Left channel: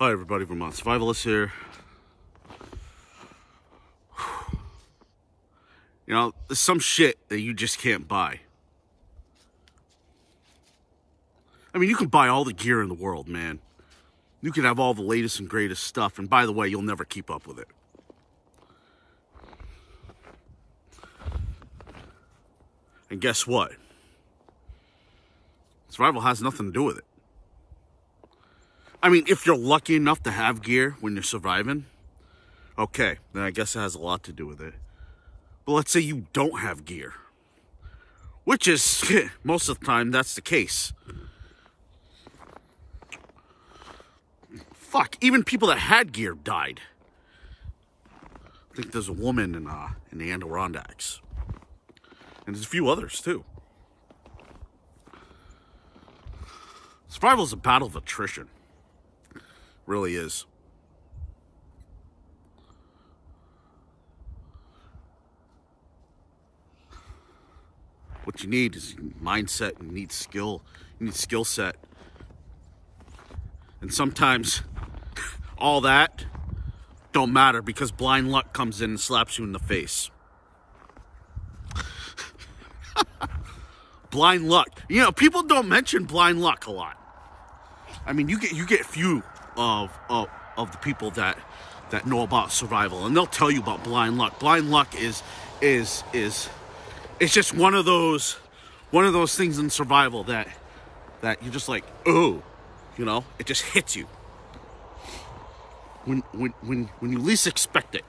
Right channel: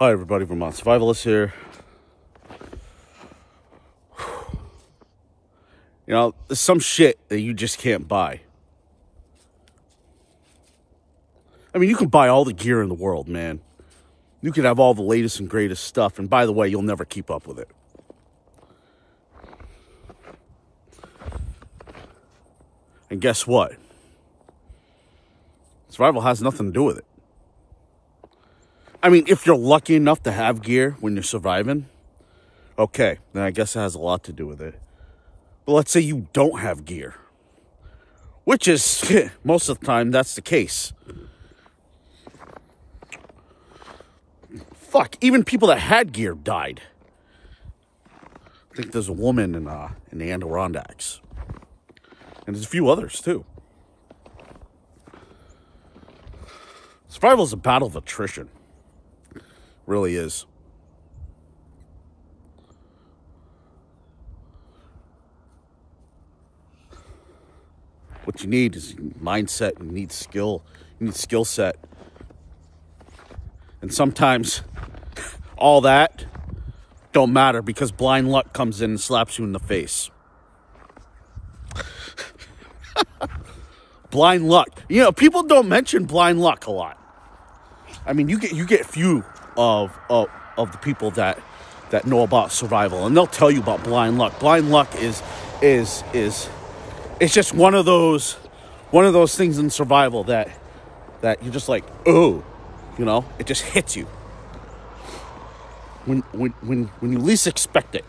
Hi everybody, Vermont Survivalist here. You know, there's some shit that you just can't buy. I mean, you can buy all the gear in the world, man. You can have all the latest and greatest stuff, and by the way, you'll never keep up with it. And guess what? Survival has nothing to do with it. I mean, if you're lucky enough to have gear when you're surviving, okay, then I guess it has a lot to do with it. But let's say you don't have gear, which is, most of the time, that's the case. Fuck, even people that had gear died. I think there's a woman in the Adirondacks. And there's a few others, too. Survival is a battle of attrition. Really is. What you need is mindset. You need skill. You need skill set. And sometimes all that don't matter because blind luck comes in and slaps you in the face. Blind luck. You know, people don't mention blind luck a lot. I mean, you get few of the people that know about survival, and they'll tell you about blind luck. Blind luck is it's just one of those things in survival that you're just like, oh, you know, it just hits you when you least expect it.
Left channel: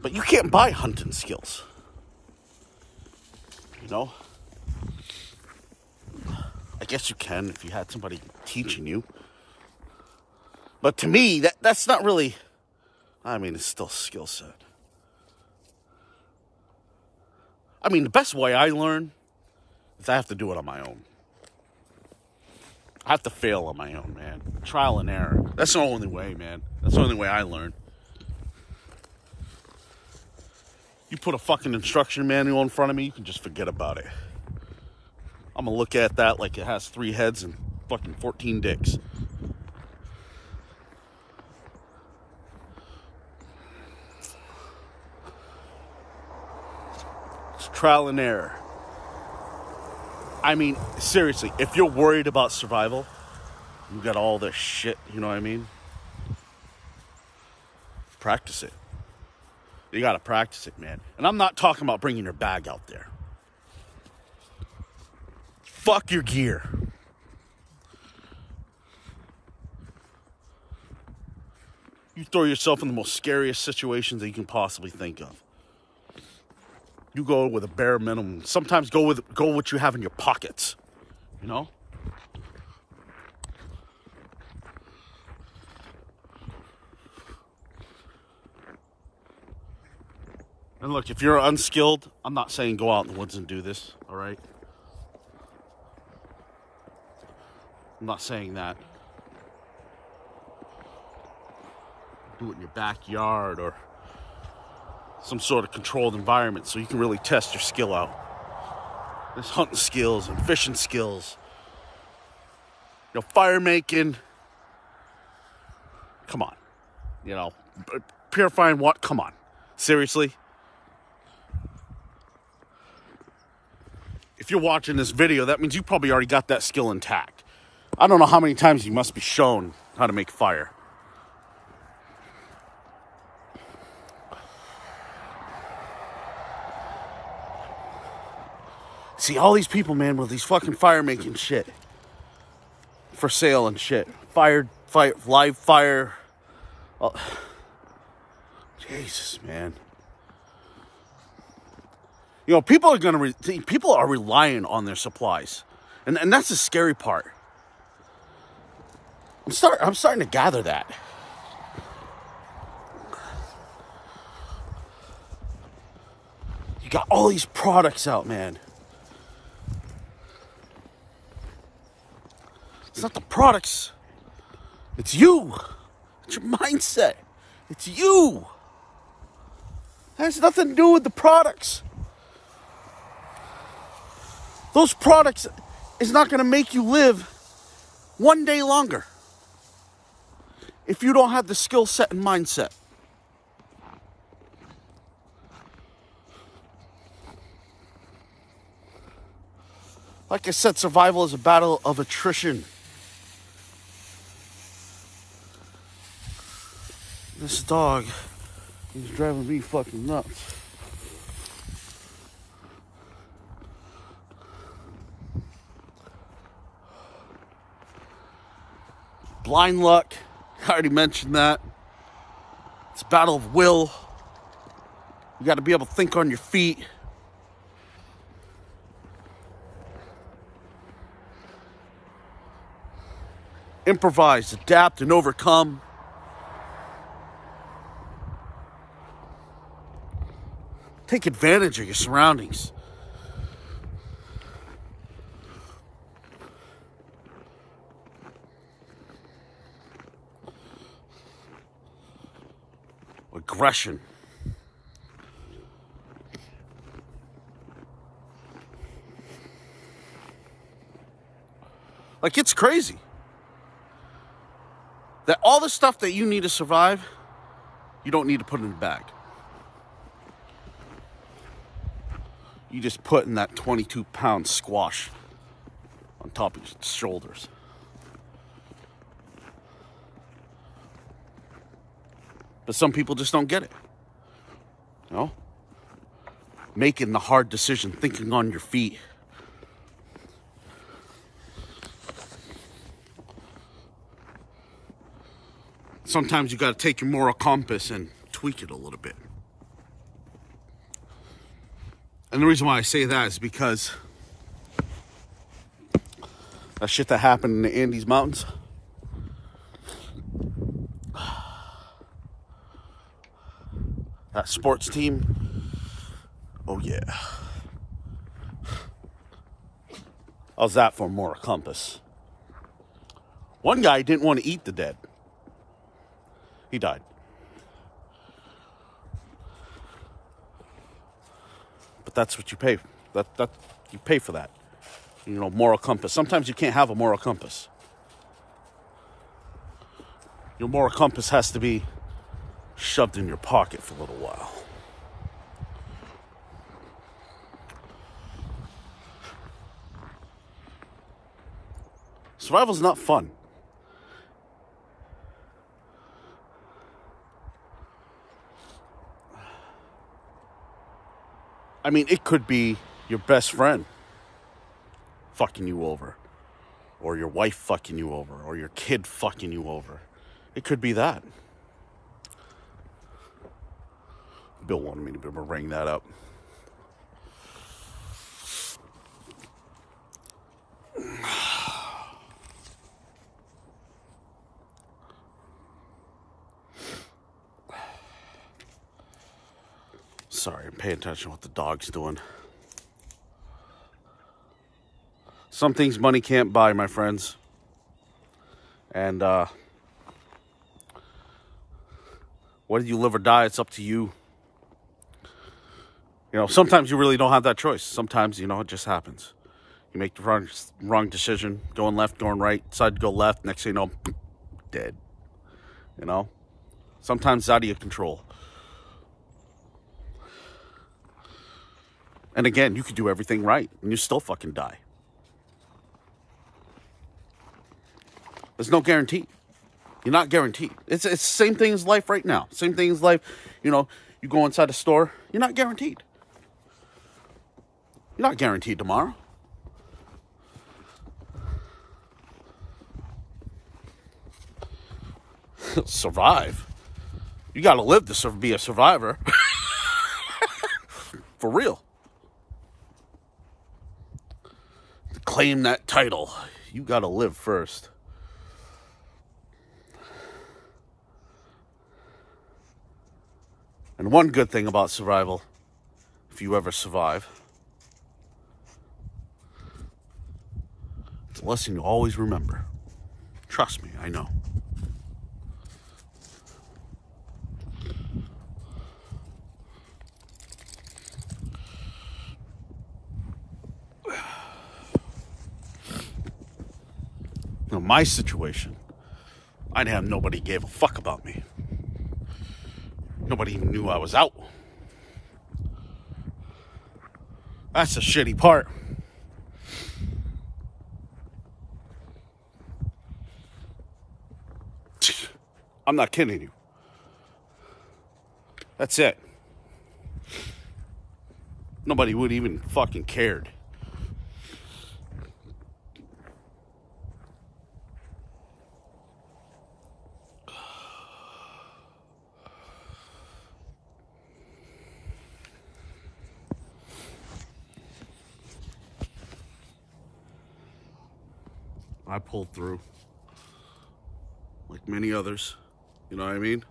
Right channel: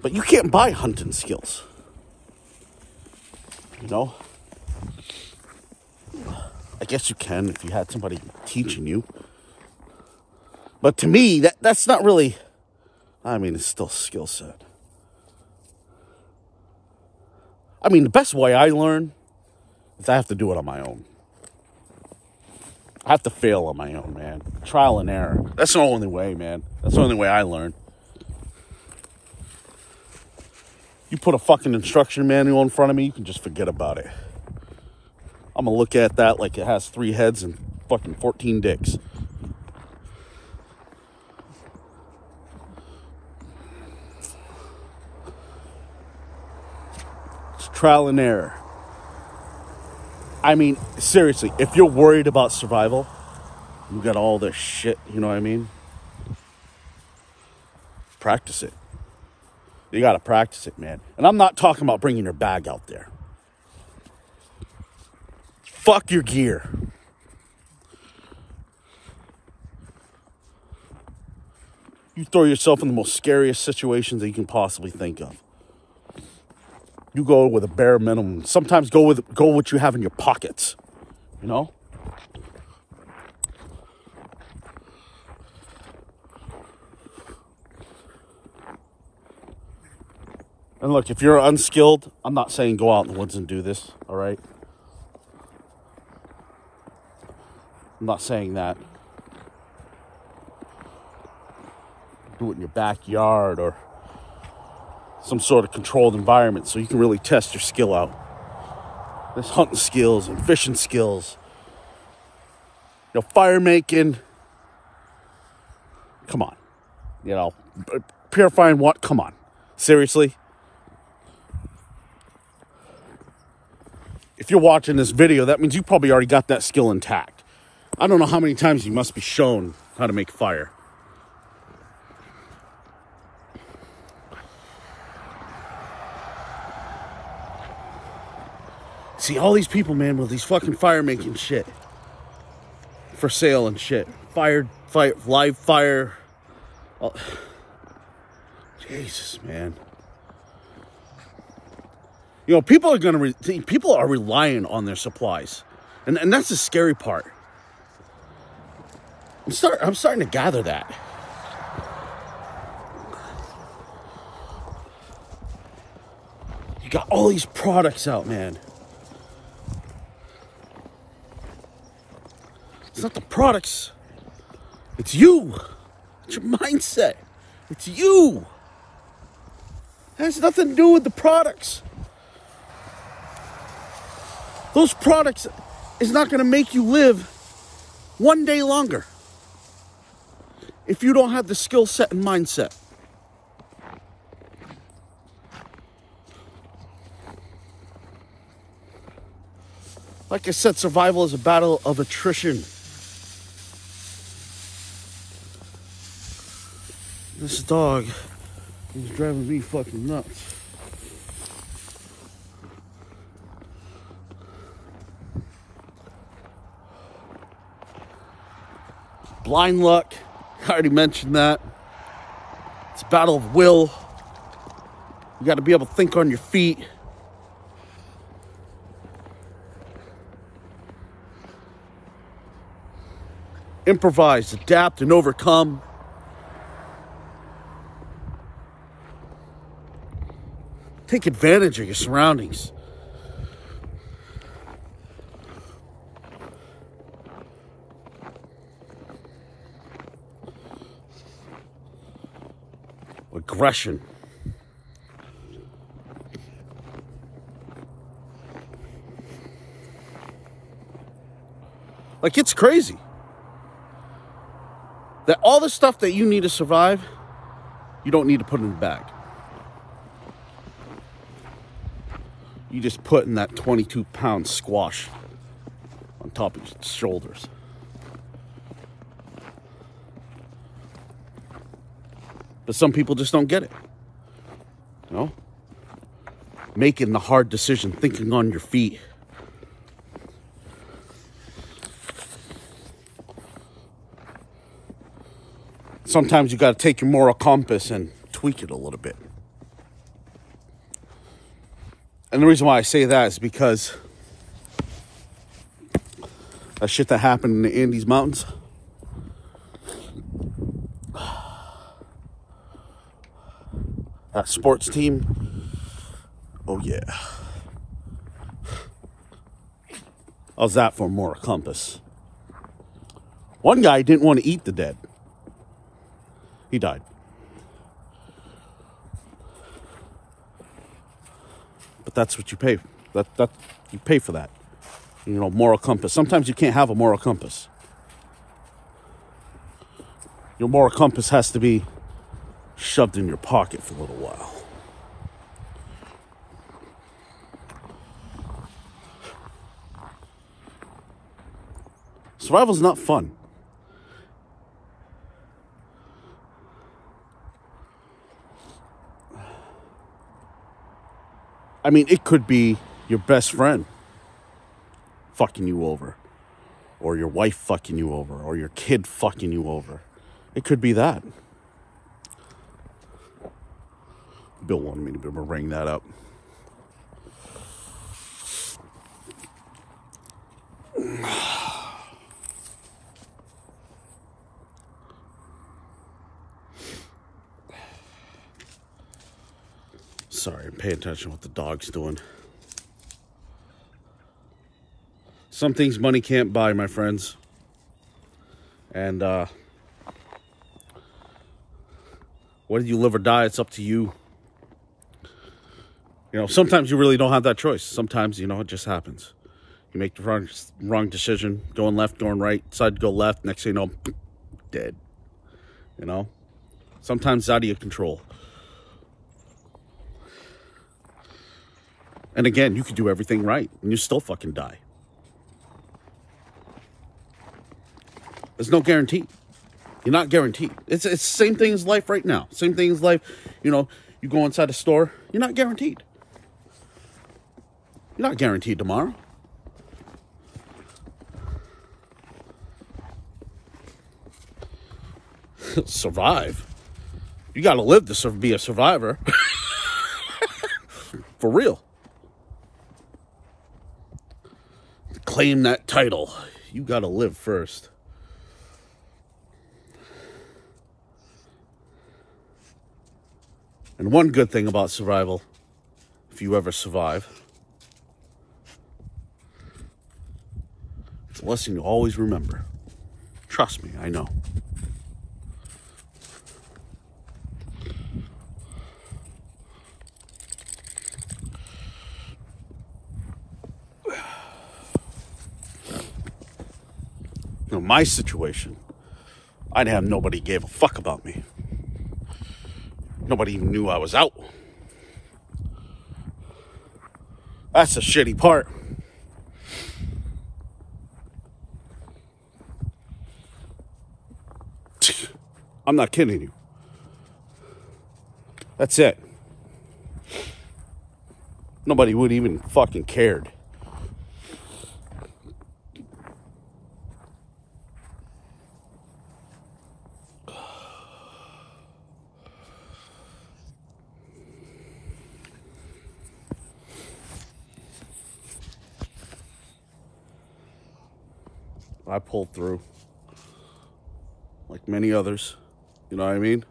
But you can't buy hunting skills, you know? I guess you can if you had somebody teaching you. But to me, that's not really, I mean, it's still skill set. I mean, the best way I learn is I have to do it on my own. I have to fail on my own, man. Trial and error. That's the only way, man. That's the only way I learn. You put a fucking instruction manual in front of me, you can just forget about it. I'm gonna look at that like it has 3 heads and fucking 14 dicks. It's trial and error. I mean, seriously, if you're worried about survival, you got all this shit, you know what I mean? Practice it. You got to practice it, man. And I'm not talking about bringing your bag out there. Fuck your gear. You throw yourself in the most scariest situations that you can possibly think of. You go with a bare minimum. Sometimes go with what you have in your pockets. You know? And look, if you're unskilled, I'm not saying go out in the woods and do this, all right? I'm not saying that. Do it in your backyard or some sort of controlled environment so you can really test your skill out. There's hunting skills and fishing skills. You know, fire making. Come on. You know, purifying what? Come on. Seriously? If you're watching this video, that means you probably already got that skill intact. I don't know how many times you must be shown how to make fire. See, all these people, man, with these fucking fire making shit for sale and shit. Live fire. Oh. Jesus, man. You know, people are people are relying on their supplies. And that's the scary part. I'm starting to gather that. You got all these products out, man. It's not the products. It's you. It's your mindset. It's you. It has nothing to do with the products. Those products is not going to make you live one day longer if you don't have the skill set and mindset. Like I said, survival is a battle of attrition. This dog is driving me fucking nuts. Blind luck, I already mentioned that. It's a battle of will. You got to be able to think on your feet. Improvise, adapt, and overcome. Take advantage of your surroundings. Aggression. Like, it's crazy that all the stuff that you need to survive, you don't need to put in the bag. You just put in that 22-pound squash on top of your shoulders. But some people just don't get it. You know? Making the hard decision, thinking on your feet. Sometimes you got to take your moral compass and tweak it a little bit. And the reason why I say that is because that shit that happened in the Andes Mountains, that sports team, oh yeah. How's that for a moral compass? One guy didn't want to eat the dead. He died. But that's what you pay. That you pay for that. You know, moral compass. Sometimes you can't have a moral compass. Your moral compass has to be shoved in your pocket for a little while. Survival's not fun. I mean, it could be your best friend fucking you over, or your wife fucking you over, or your kid fucking you over. It could be that. Bill wanted me to be able to ring that up. Sorry, I'm paying attention to what the dog's doing. Some things money can't buy, my friends. And whether you live or die, it's up to you. You know, sometimes you really don't have that choice. Sometimes, you know, it just happens. You make the wrong decision, going left, going right, decide to go left, next thing you know, dead. You know? Sometimes it's out of your control. And again, you could do everything right, and you still fucking die. There's no guarantee. You're not guaranteed. It's the same thing as life right now. Same thing as life, you know, you go inside a store, you're not guaranteed. You're not guaranteed tomorrow. Survive. You got to live to be a survivor. For real. To claim that title, you got to live first. And one good thing about survival, if you ever survive, it's a lesson you always remember. Trust me, I know. in my situation, I'd have nobody gave a fuck about me. Nobody even knew I was out. That's the shitty part. I'm not kidding you. That's it. Nobody would even fucking cared. I pulled through, like many others. You know what I mean?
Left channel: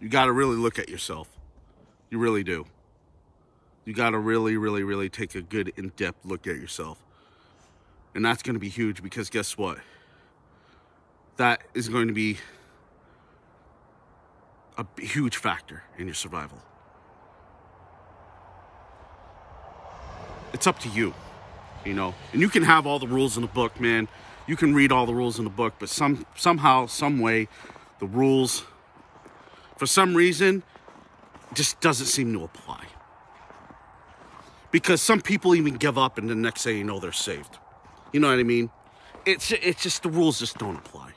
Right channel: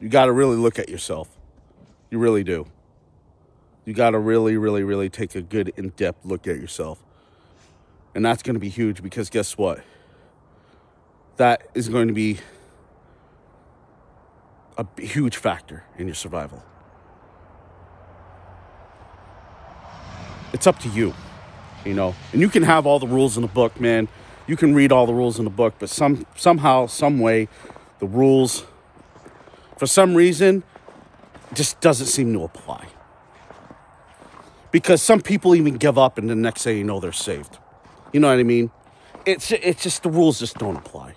You got to really look at yourself. You really do. You got to really, really, really take a good in-depth look at yourself. And that's going to be huge because guess what? That is going to be a huge factor in your survival. It's up to you, you know. And you can have all the rules in the book, man. You can read all the rules in the book, but somehow, some way, the rules, for some reason, just doesn't seem to apply. Because some people even give up and the next thing you know, they're saved. You know what I mean? It's just the rules just don't apply.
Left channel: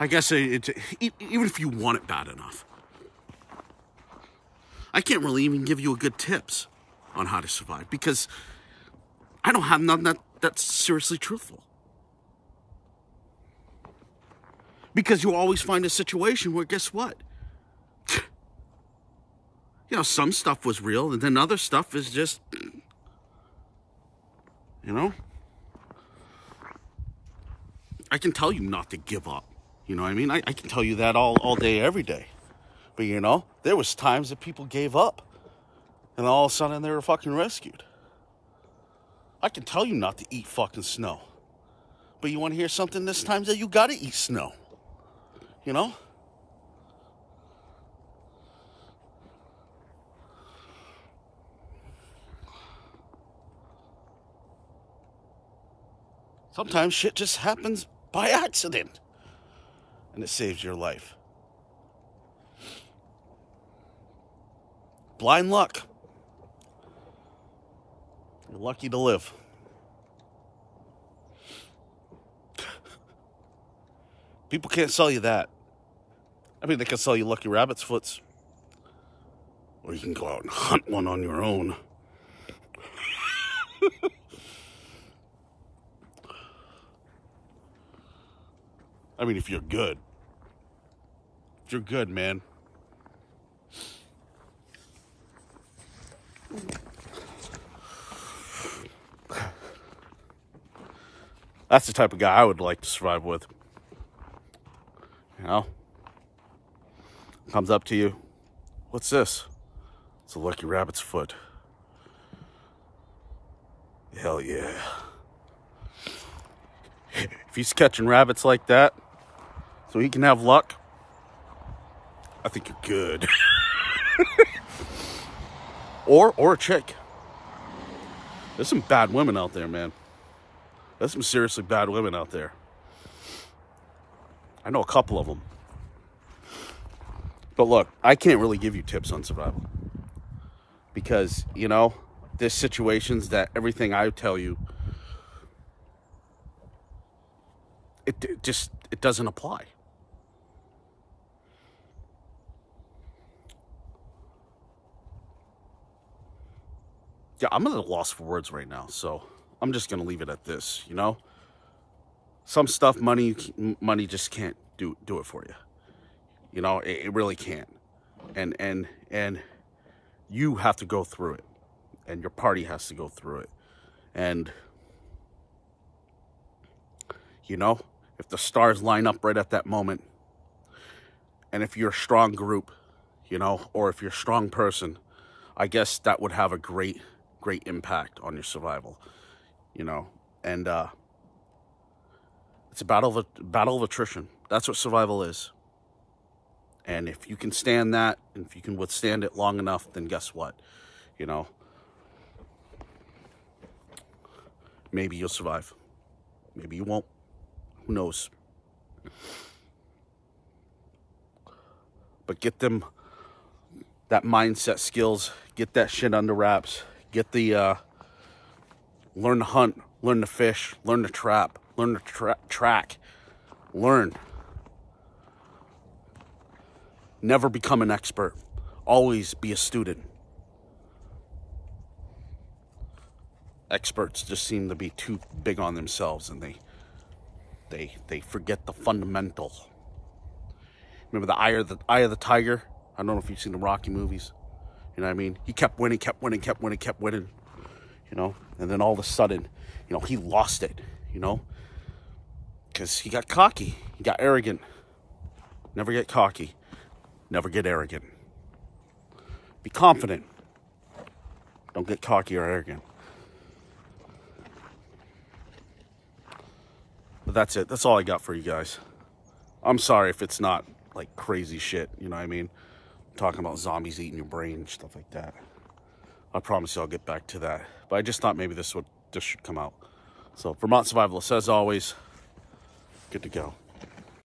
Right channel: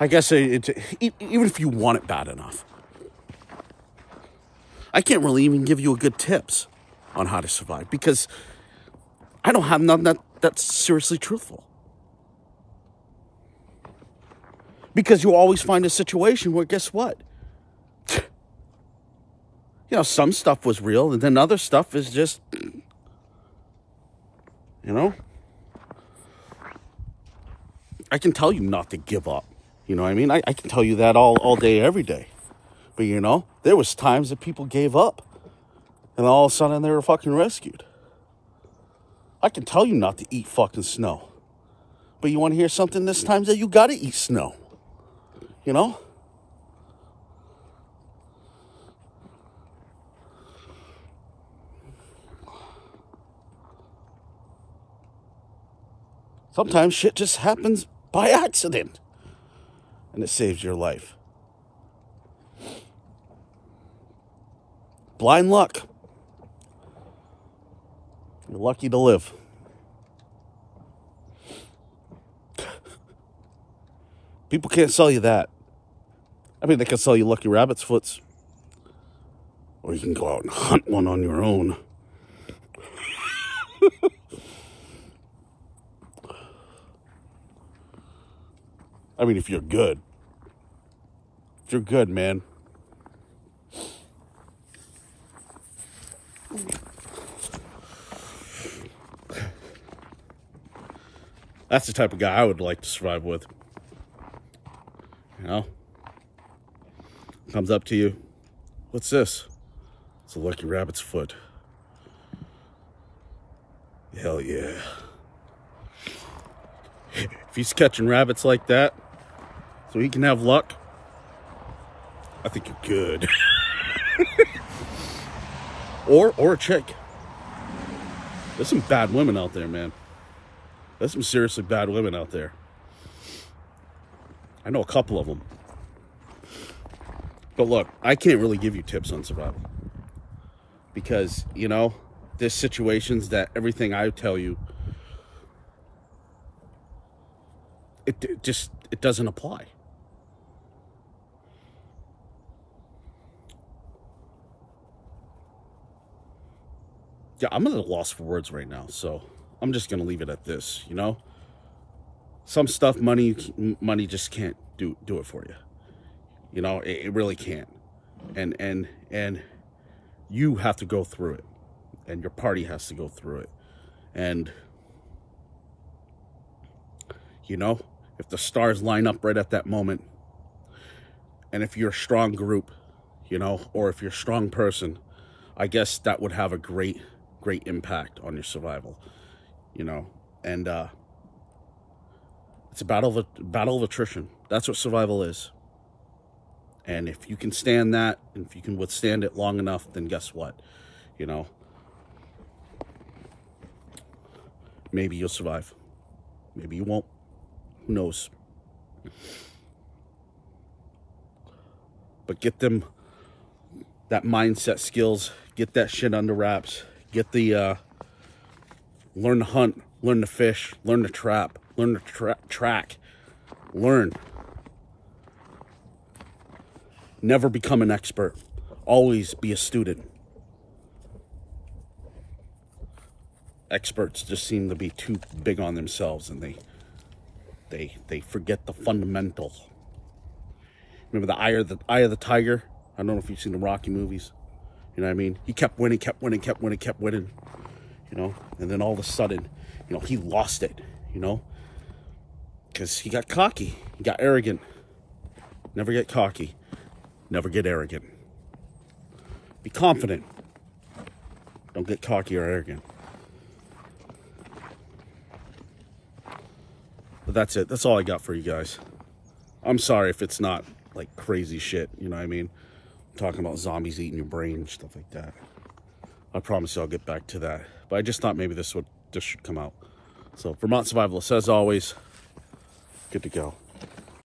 I guess even if you want it bad enough. I can't really even give you a good tips on how to survive because I don't have none that's seriously truthful. Because you always find a situation where, guess what? You know, some stuff was real and then other stuff is just, you know? I can tell you not to give up. You know what I mean? I can tell you that all day, every day. But, you know, there was times that people gave up. And all of a sudden, they were fucking rescued. I can tell you not to eat fucking snow. But you want to hear something this time? That you got to eat snow. You know? Sometimes shit just happens by accident. And it saves your life. Blind luck. You're lucky to live. People can't sell you that. I mean, they can sell you lucky rabbit's foots. Or you can go out and hunt one on your own. I mean, if you're good. If you're good, man. That's the type of guy I would like to survive with. You know? Comes up to you. What's this? It's a lucky rabbit's foot. Hell yeah. If he's catching rabbits like that, so he can have luck, I think you're good. or a chick. There's some bad women out there, man. There's some seriously bad women out there. I know a couple of them. But look, I can't really give you tips on survival. Because, you know, there's situations that everything I tell you, it doesn't apply. Yeah, I'm at a loss for words right now, so I'm just gonna leave it at this, you know? Some stuff money just can't do it for you. You know, it really can't. And you have to go through it. And your party has to go through it. And you know, if the stars line up right at that moment, and if you're a strong group, you know, or if you're a strong person, I guess that would have a great impact on your survival, you know. And It's a battle of attrition. That's what survival is. And if you can stand that, and if you can withstand it long enough, then guess what? You know, maybe you'll survive. Maybe you won't. Who knows? But get them that mindset skills. Get that shit under wraps. Get the, learn to hunt, learn to fish, learn to trap, learn to track. Learn. Never become an expert. Always be a student. Experts just seem to be too big on themselves, and they forget the fundamental. Remember the eye of the tiger? I don't know if you've seen the Rocky movies. You know what I mean? He kept winning, kept winning, kept winning, kept winning. You know, and then all of a sudden, you know, he lost it. You know, because he got cocky, he got arrogant. Never get cocky. Never get arrogant. Be confident. Don't get cocky or arrogant. But that's it. That's all I got for you guys. I'm sorry if it's not like crazy shit. You know what I mean? Talking about zombies eating your brain, stuff like that. I promise you I'll get back to that. But I just thought maybe this should come out. So Vermont Survivalist, as always, good to go.